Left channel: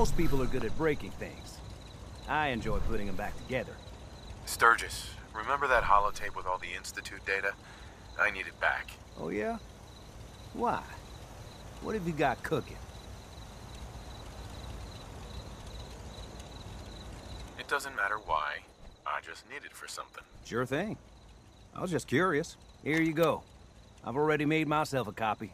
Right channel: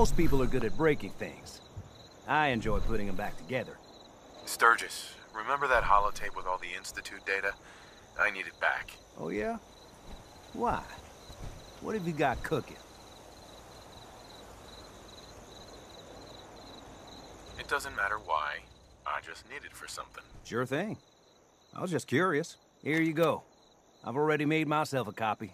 Most people are good at breaking things. I enjoy putting them back together. Sturgis, remember that holotape with all the Institute data? I need it back. Oh yeah? Why? What have you got cooking? It doesn't matter why. I just need it for something. Sure thing. I was just curious. Here you go. I've already made myself a copy.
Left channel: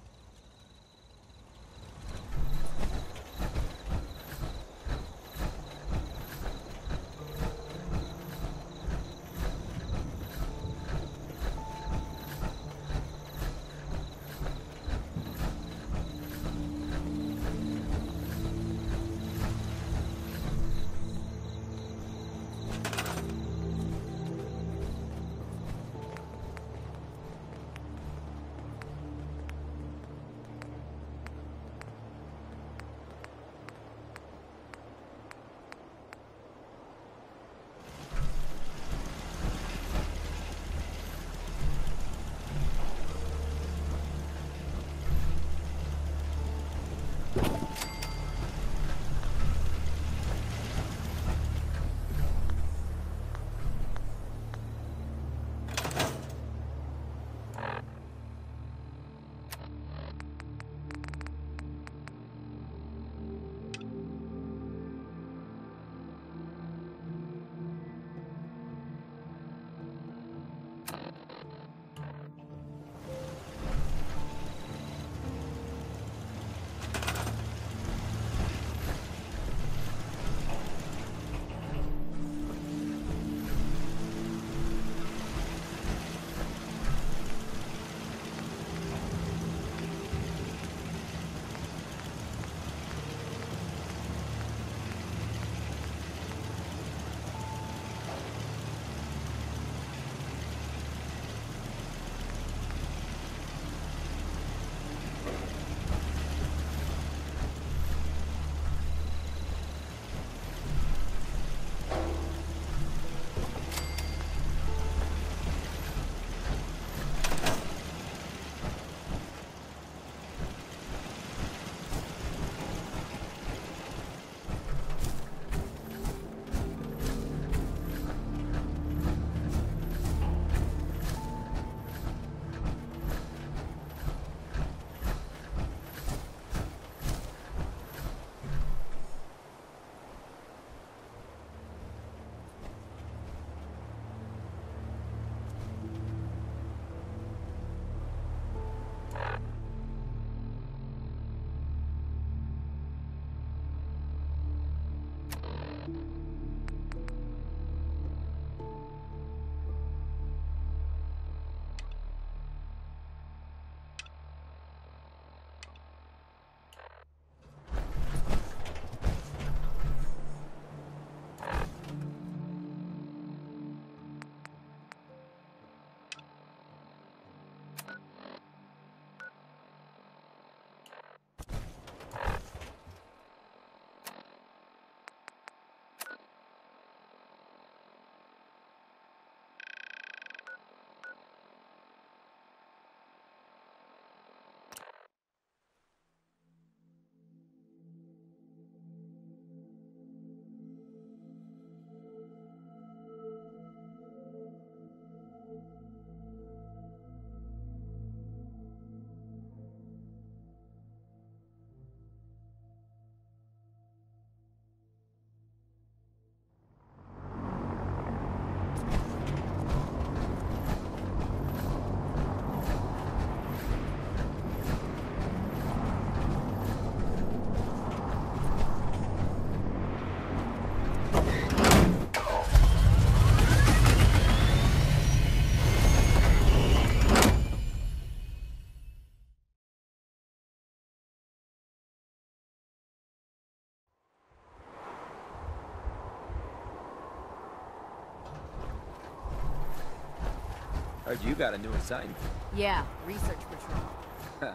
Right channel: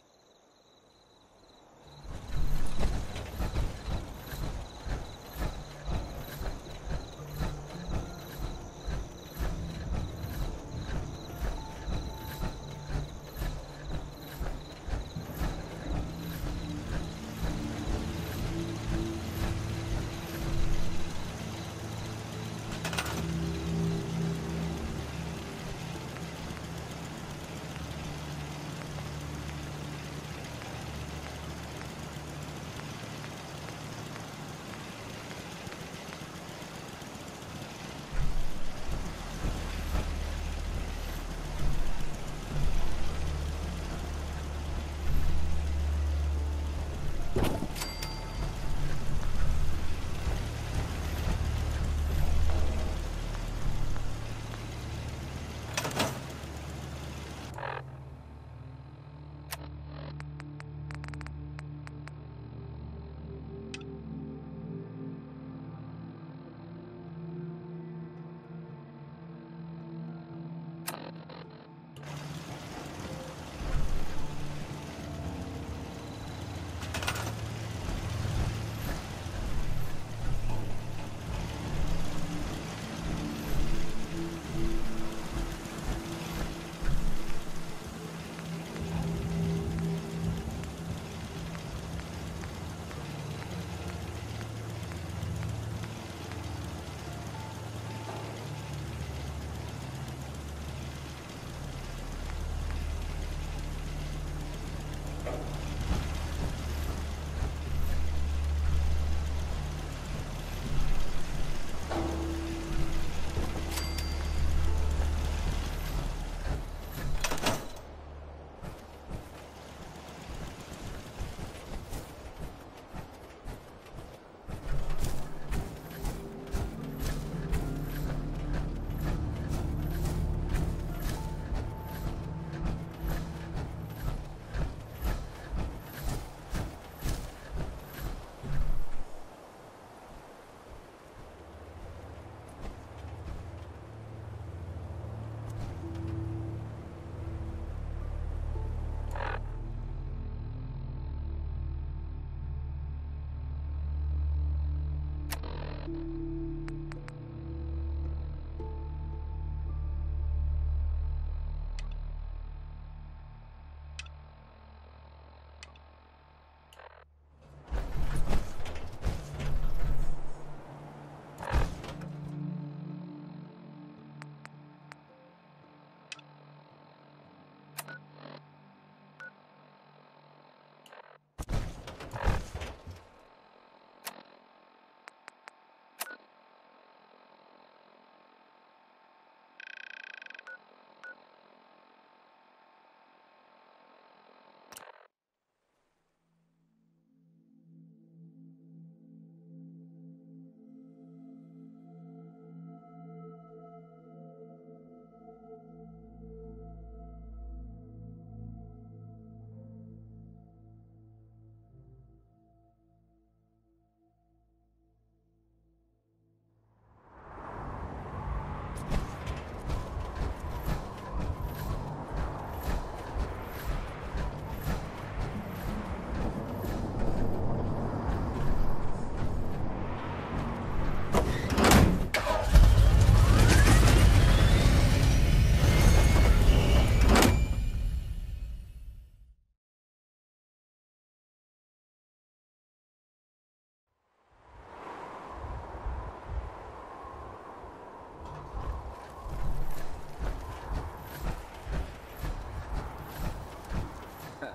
You got a new assignment. Yeah, research patrol.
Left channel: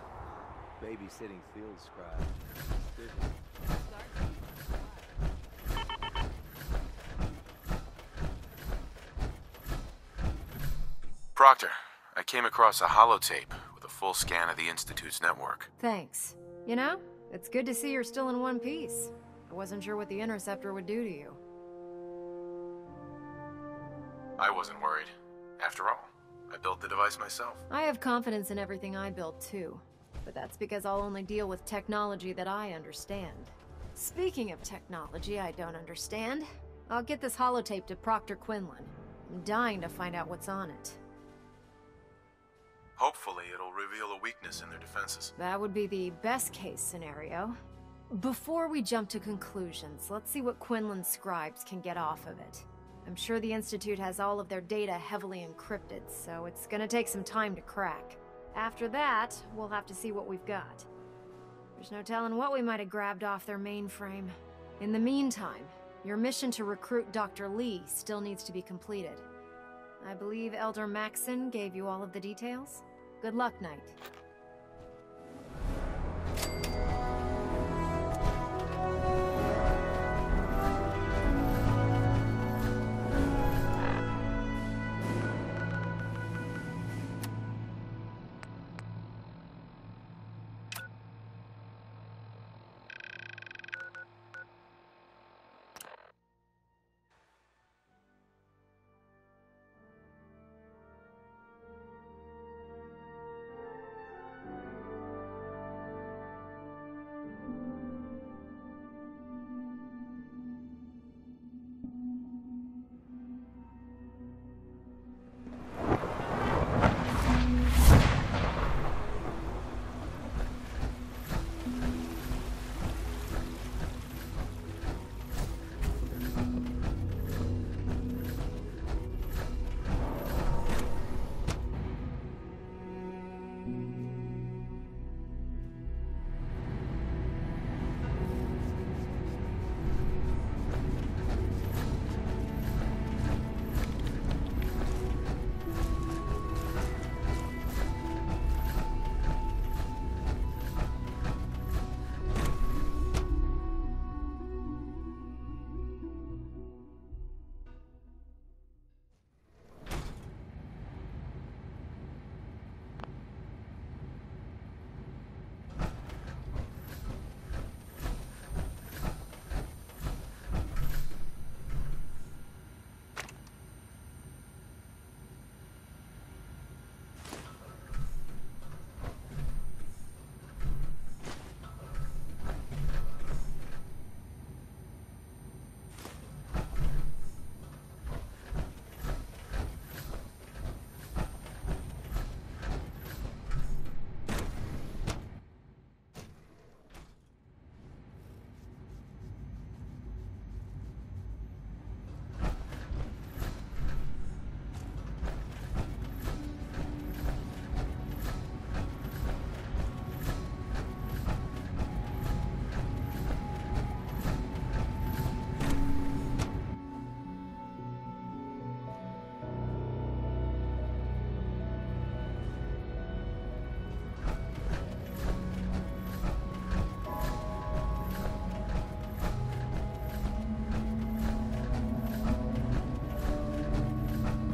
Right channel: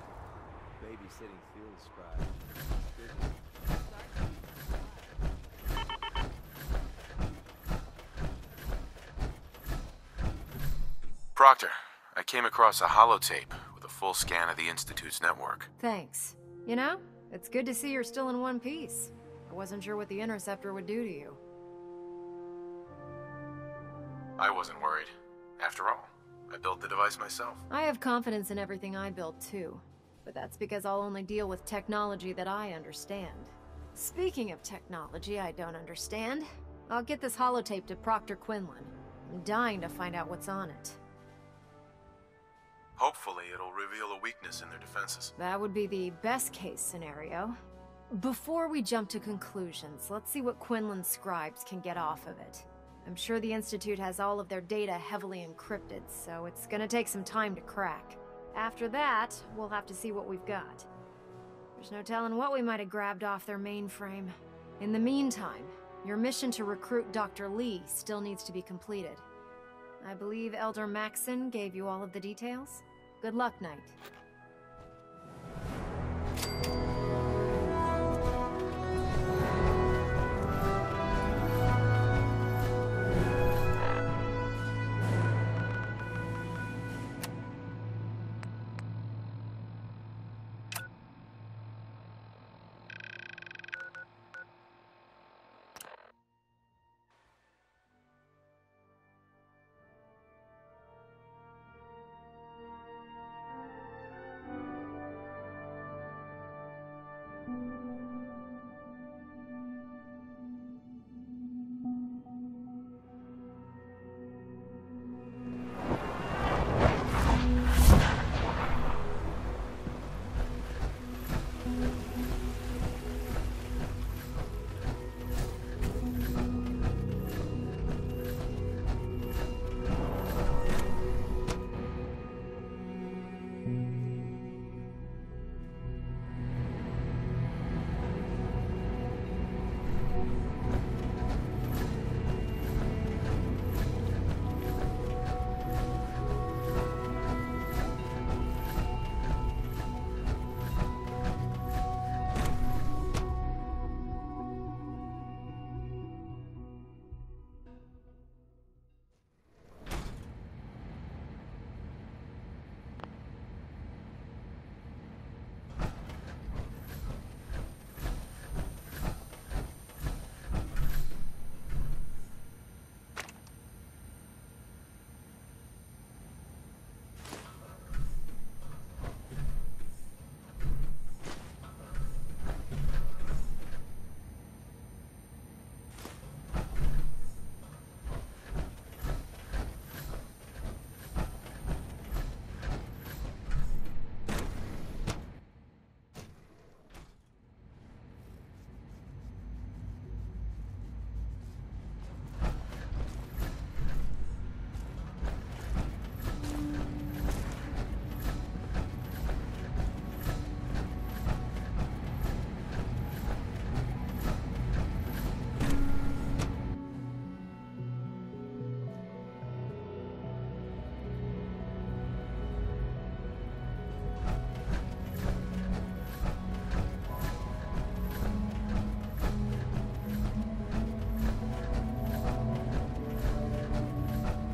Babysitting field scribe. Proctor, I came across a holotape with a full scan of the Institute's network. Thanks. You know, it's good to see you're still in one piece. I wasn't sure what the interceptor would do to you. I wasn't worried. After all, I built the device myself. I have confidence in everything I build too, but that's because I'll only deal with technology that I understand. Speaking of technology I don't understand, I'll get this holotape to Proctor Quinlan. I'm dying to find out what's on it. Hopefully it'll reveal a weakness in their defenses. That would be the best case scenario. Before we jump to conclusions, let's see what Quinlan's scribes can get off of it. I'm sure the Institute has all of their data heavily encrypted, so it's gonna take some time to crack. After that, we'll have to see what we've got. There's no telling what we might have grabbed off their mainframe. In the meantime, your mission to recruit Dr. Lee still needs to be completed. I believe Elder Maxson gave you all of the details? Good luck, Knight.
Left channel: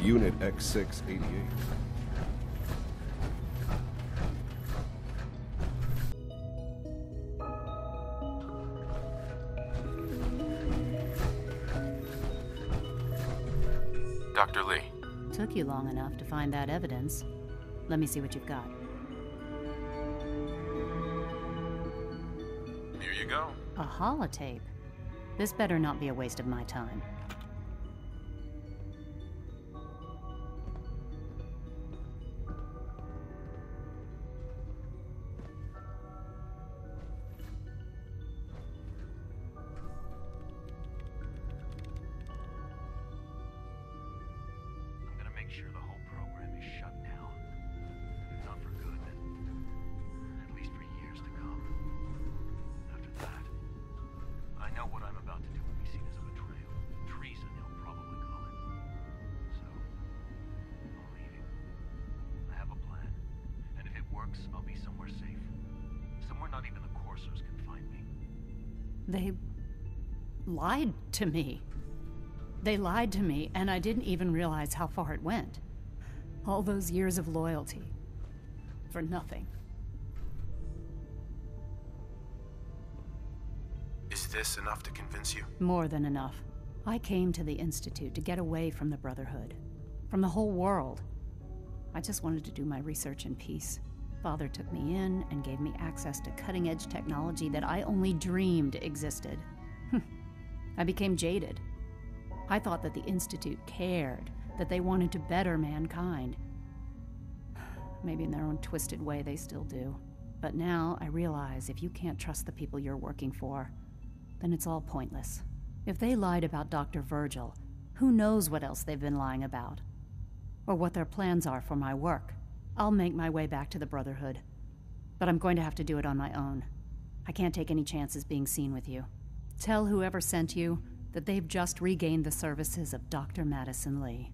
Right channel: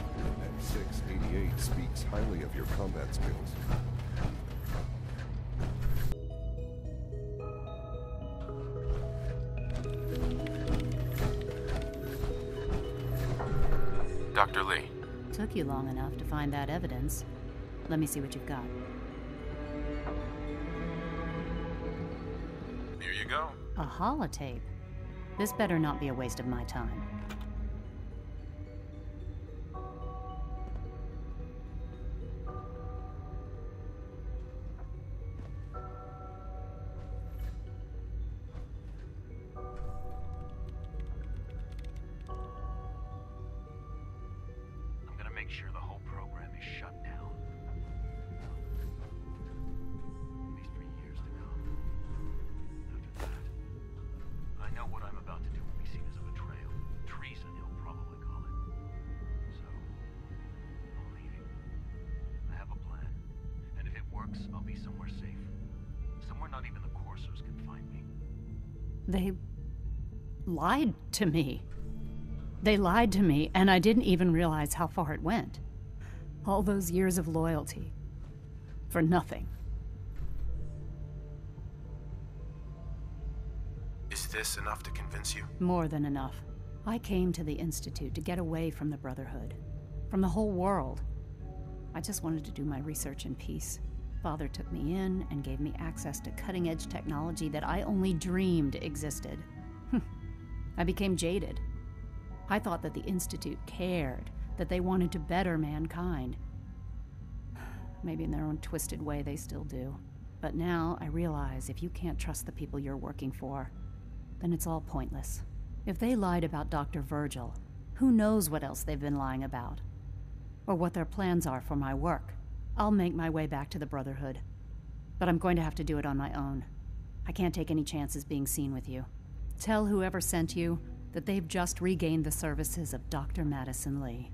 Unit X688 speaks highly of your combat skills. Dr. Lee. Took you long enough to find that evidence. Let me see what you've got. Here you go. A holotape? This better not be a waste of my time. Make sure the whole program is shut down. Not for good. At least for years to come. After that, I know what I'm about to do will be seen as a betrayal. Treason, he'll probably call it. So, I'm leaving. I have a plan. And if it works, I'll be somewhere safe. Somewhere not even the coursers can find me. They lied to me. They lied to me, and I didn't even realize how far it went. All those years of loyalty. For nothing. Is this enough to convince you? More than enough. I came to the Institute to get away from the Brotherhood. From the whole world. I just wanted to do my research in peace. Father took me in and gave me access to cutting-edge technology that I only dreamed existed. I became jaded. I thought that the Institute cared, that they wanted to better mankind. Maybe in their own twisted way they still do. But now I realize if you can't trust the people you're working for, then it's all pointless. If they lied about Dr. Virgil, who knows what else they've been lying about? Or what their plans are for my work. I'll make my way back to the Brotherhood. But I'm going to have to do it on my own. I can't take any chances being seen with you. Tell whoever sent you that they've just regained the services of Dr. Madison Lee.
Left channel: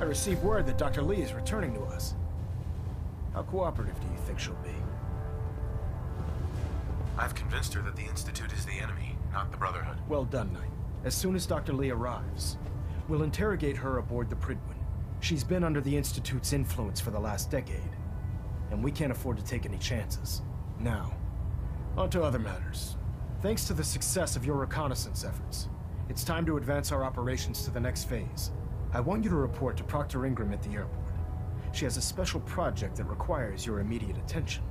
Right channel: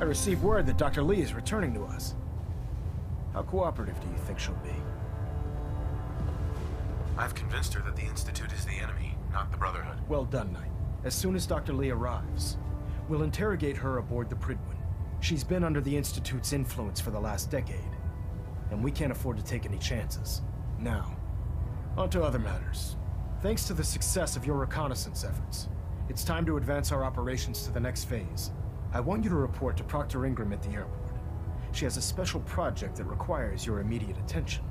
I received word that Dr. Lee is returning to us. How cooperative do you think she'll be? I've convinced her that the Institute is the enemy, not the Brotherhood. Well done, Knight. As soon as Dr. Lee arrives, we'll interrogate her aboard the Prydwen. She's been under the Institute's influence for the last decade, and we can't afford to take any chances. Now, on to other matters. Thanks to the success of your reconnaissance efforts, it's time to advance our operations to the next phase. I want you to report to Proctor Ingram at the airport. She has a special project that requires your immediate attention.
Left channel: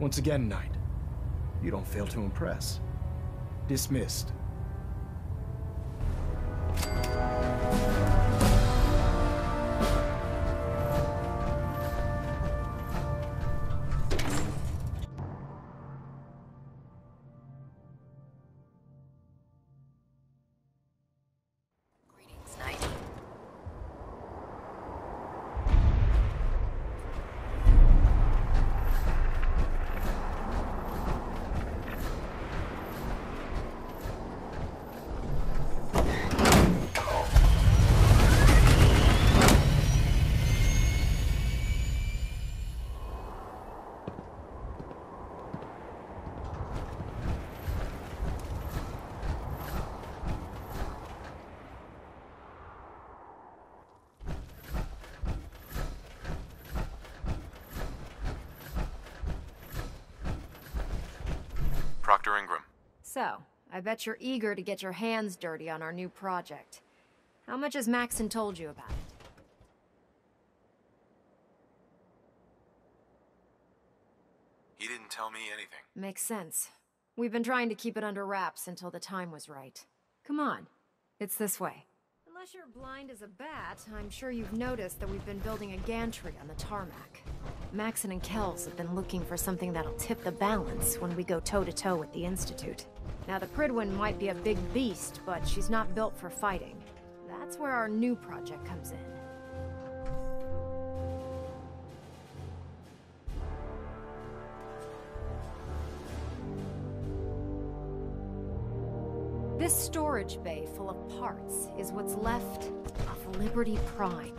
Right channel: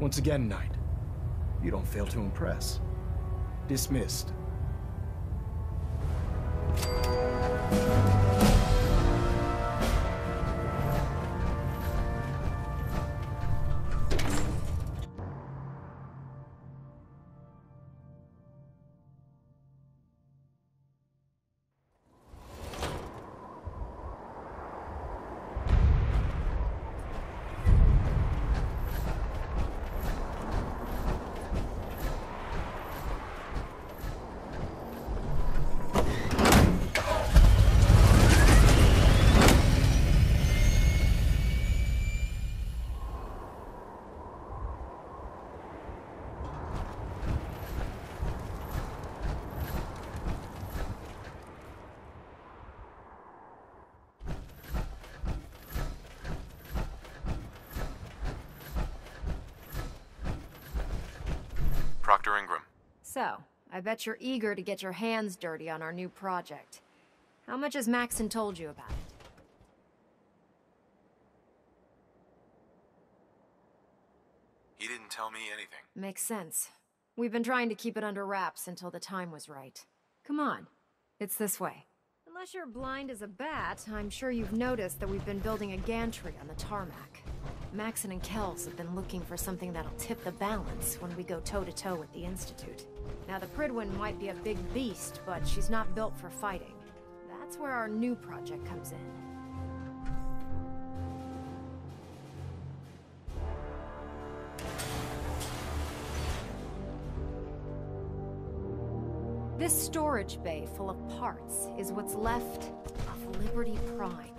Once again, Knight, you don't fail to impress. Dismissed. Proctor Ingram. So, I bet you're eager to get your hands dirty on our new project. How much has Maxon told you about it? He didn't tell me anything. Makes sense. We've been trying to keep it under wraps until the time was right. Come on. It's this way. Unless you're blind as a bat, I'm sure you've noticed that we've been building a gantry on the tarmac. Maxon and Kells have been looking for something that'll tip the balance when we go toe-to-toe with the Institute. Now, the Prydwen might be a big beast, but she's not built for fighting. That's where our new project comes in. This storage bay full of parts is what's left of Liberty Prime.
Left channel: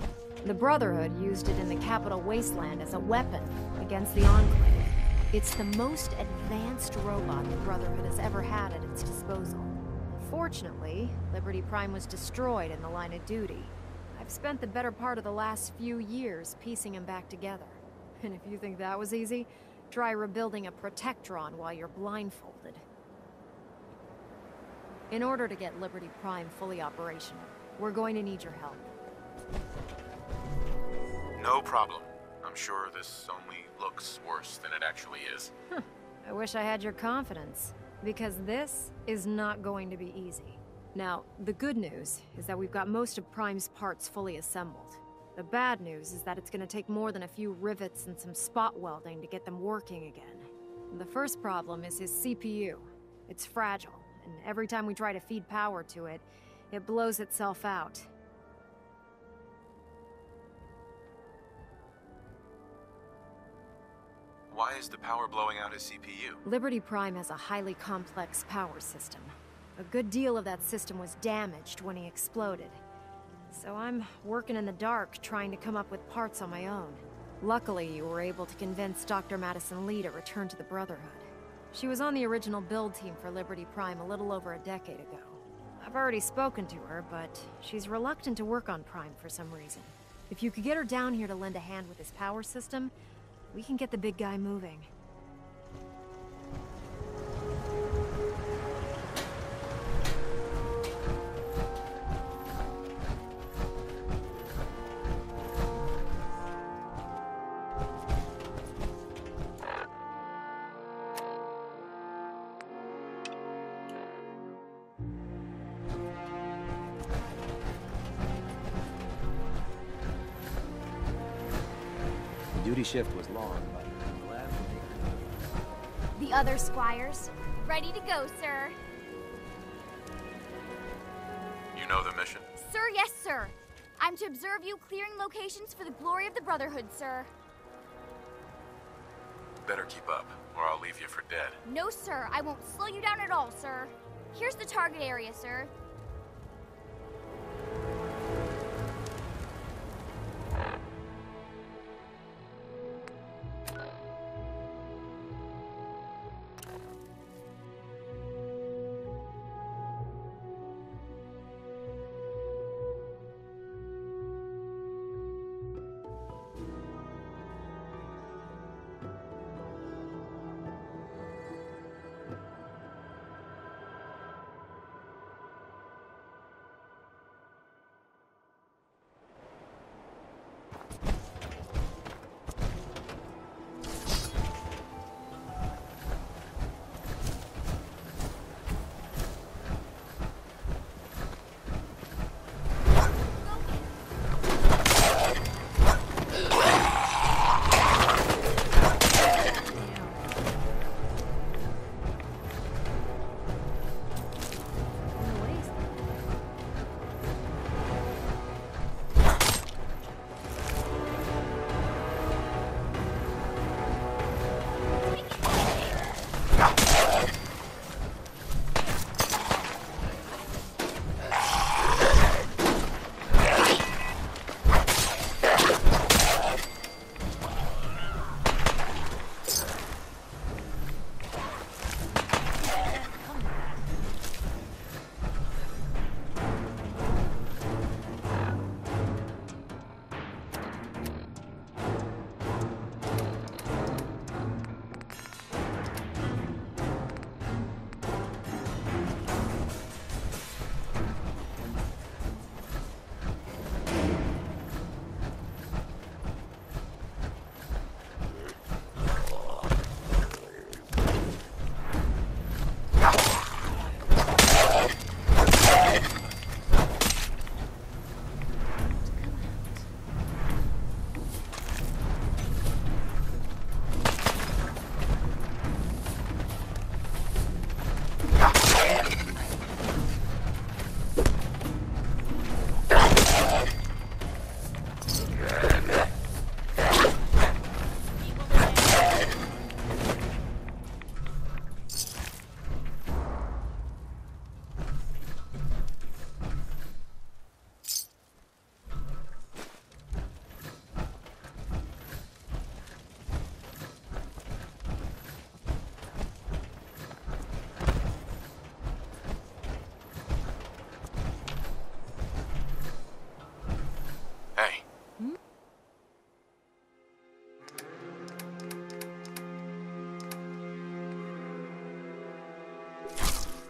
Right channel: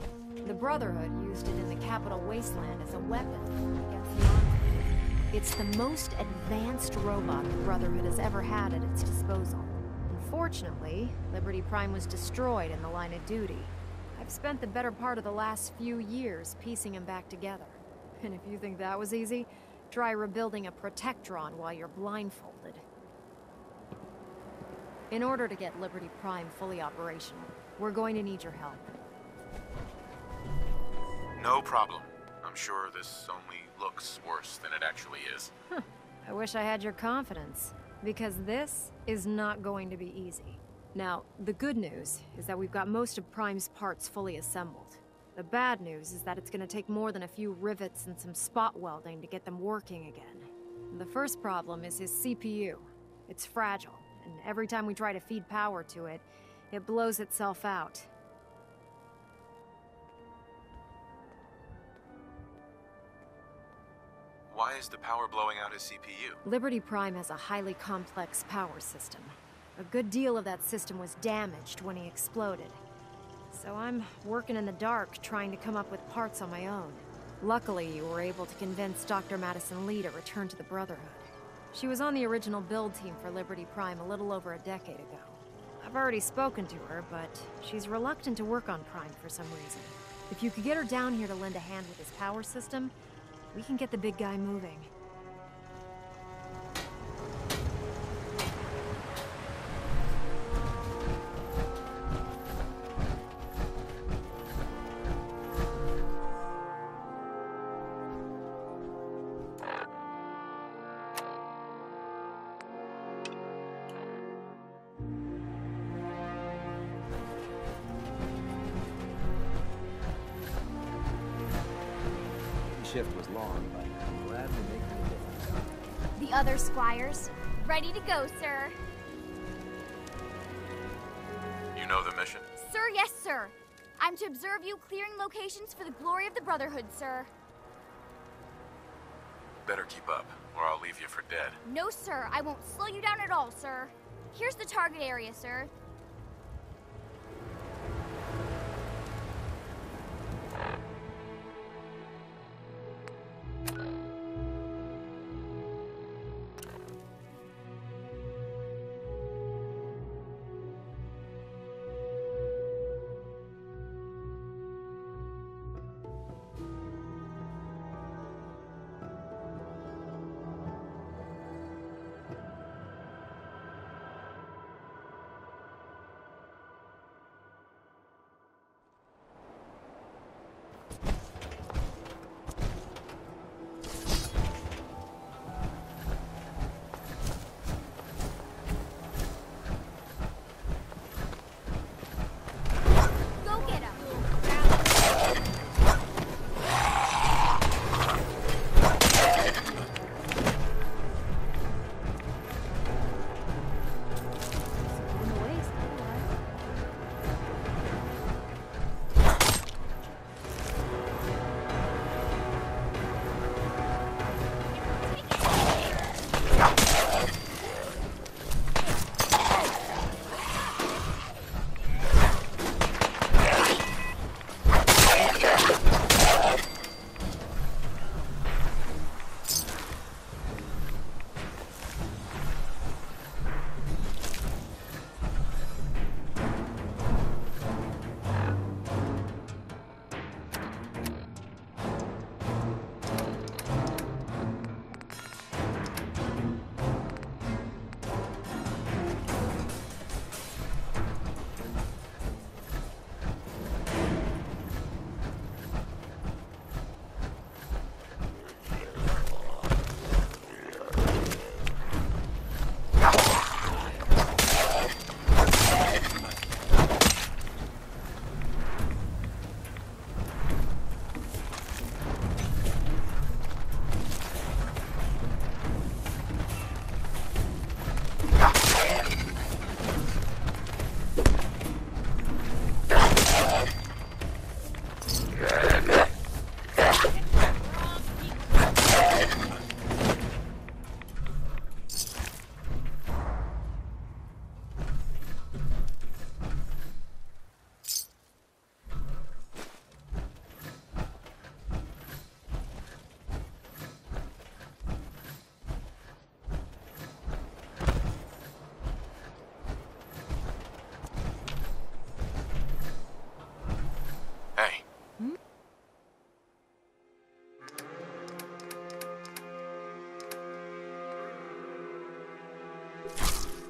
The Brotherhood used it in the Capital Wasteland as a weapon against the Enclave. It's the most advanced robot the Brotherhood has ever had at its disposal. Unfortunately, Liberty Prime was destroyed in the line of duty. I've spent the better part of the last few years piecing him back together. And if you think that was easy, Try rebuilding a protectron while you're blindfolded. In order to get Liberty Prime fully operational, we're going to need your help. No problem. I'm sure this only looks worse than it actually is. I wish I had your confidence, because this is not going to be easy. Now, the good news is that we've got most of Prime's parts fully assembled. The bad news is that it's going to take more than a few rivets and some spot welding to get them working again. The first problem is his CPU. It's fragile, and every time we try to feed power to it, it blows itself out. Why is the power blowing out his CPU? Liberty Prime has a highly complex power system. A good deal of that system was damaged when he exploded. So I'm working in the dark, trying to come up with parts on my own. Luckily, you were able to convince Dr. Madison Lee to return to the Brotherhood. She was on the original build team for Liberty Prime a little over a decade ago. I've already spoken to her, but she's reluctant to work on Prime for some reason. If you could get her down here to lend a hand with his power system, we can get the big guy moving. Duty shift was long, but I'm glad we're making a difference. The other squires, ready to go, sir. You know the mission? Sir, yes, sir. I'm to observe you clearing locations for the glory of the Brotherhood, sir. Better keep up, or I'll leave you for dead. No, sir, I won't slow you down at all, sir. Here's the target area, sir.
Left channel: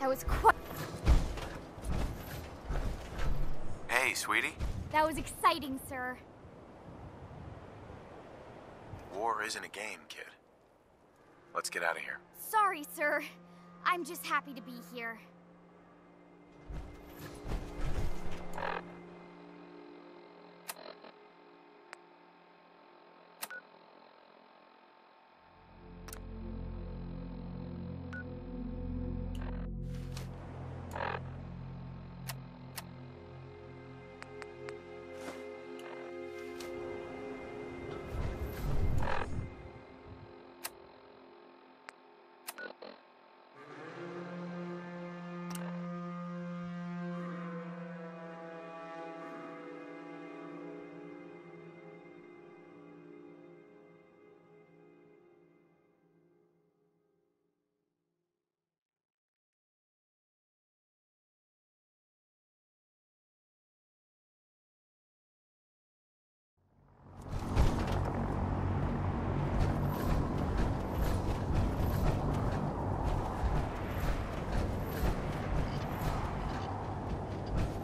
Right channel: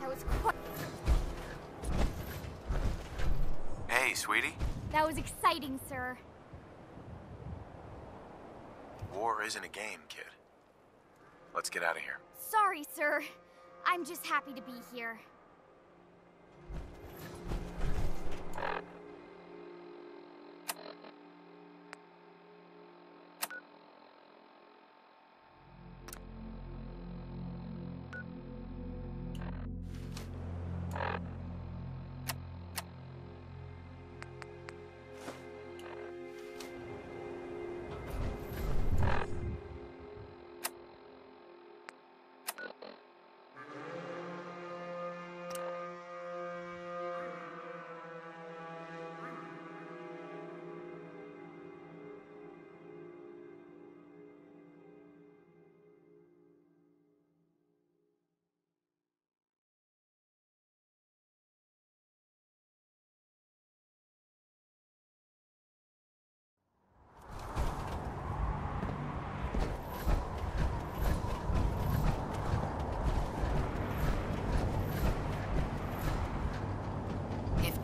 That was quite... Hey, sweetie. That was exciting, sir. War isn't a game, kid. Let's get out of here. Sorry, sir. I'm just happy to be here.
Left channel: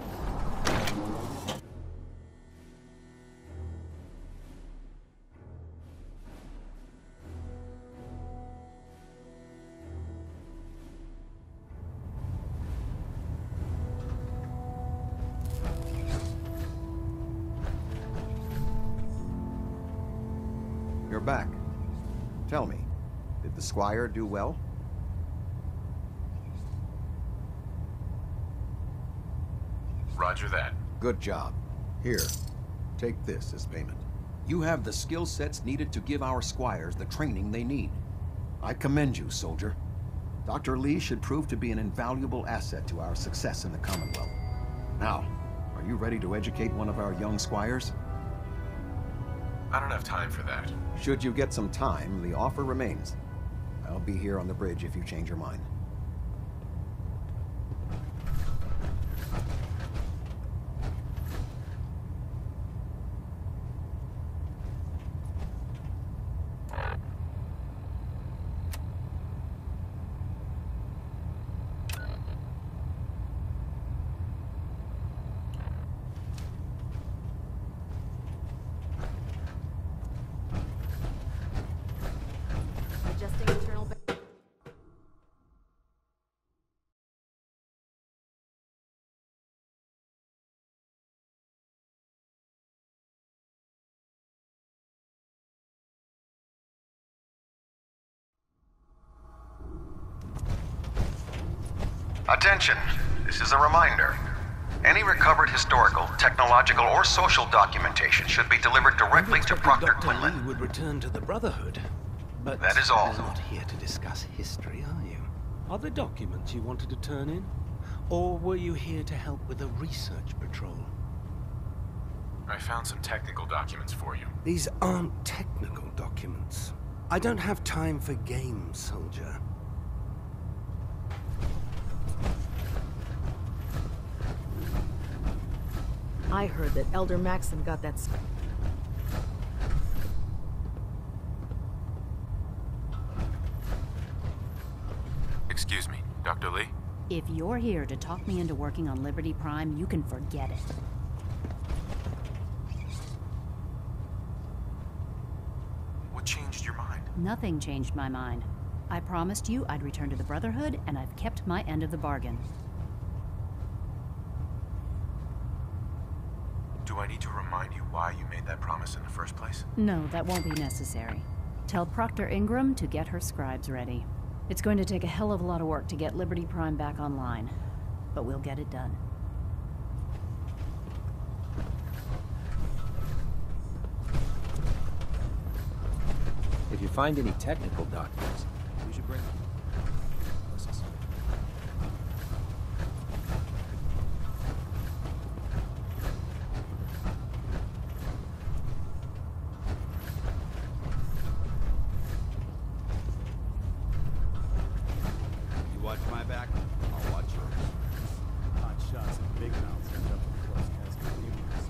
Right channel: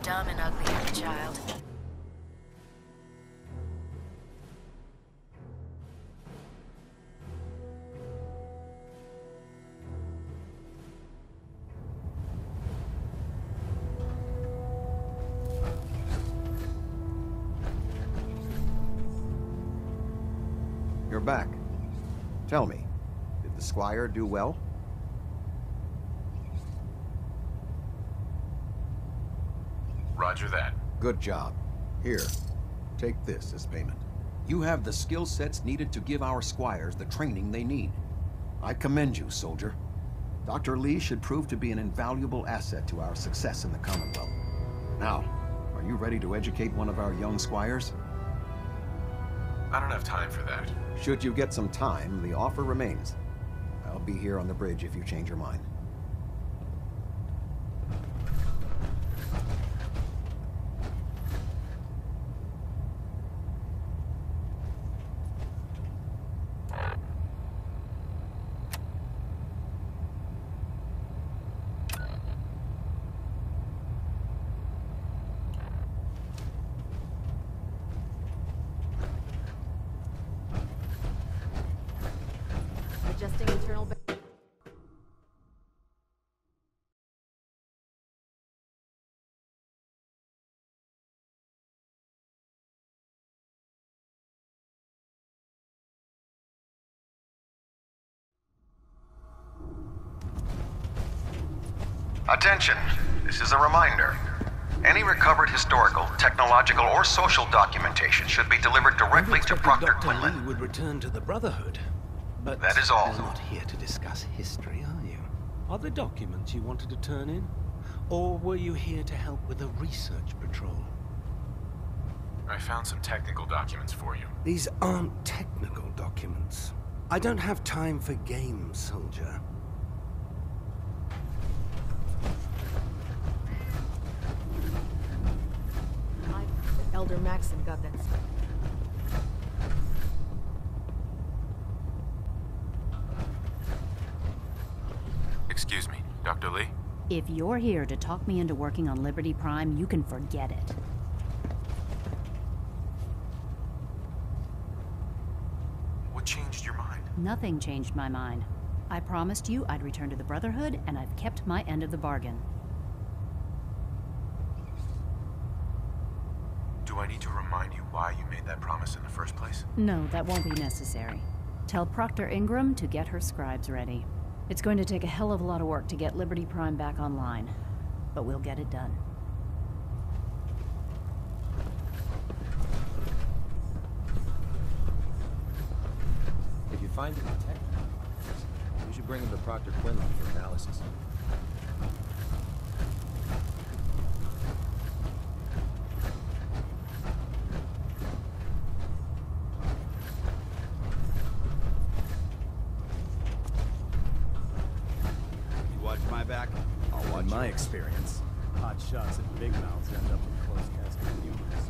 Dumb and ugly, child. You're back. Tell me, did the Squire do well? Roger that. Good job. Here, take this as payment. You have the skill sets needed to give our Squires the training they need. I commend you, soldier. Dr. Lee should prove to be an invaluable asset to our success in the Commonwealth. Now, are you ready to educate one of our young Squires? I don't have time for that. Should you get some time, the offer remains. I'll be here on the bridge if you change your mind. Adjusting internal... Attention! This is a reminder. Any recovered historical, technological, or social documentation should be delivered directly to Proctor Dr. Quinlan. Lee would return to the Brotherhood. But That is all. you're not here to discuss history, are you? Are there documents you wanted to turn in? Or were you here to help with a research patrol? I found some technical documents for you. These aren't technical documents. I don't have time for games, soldier. I heard that Elder Maxim got that stuff. Excuse me, Dr. Lee? If you're here to talk me into working on Liberty Prime, you can forget it. What changed your mind? Nothing changed my mind. I promised you I'd return to the Brotherhood, and I've kept my end of the bargain. Do I need to remind you why you made that promise in the first place? No, that won't be necessary. Tell Proctor Ingram to get her scribes ready. It's going to take a hell of a lot of work to get Liberty Prime back online, but we'll get it done. If you find any technical documents, you should bring them to Proctor Quinlan for analysis. You watch my back, I'll watch In my yours. experience, hot shots and big mouths end up with close casket humans.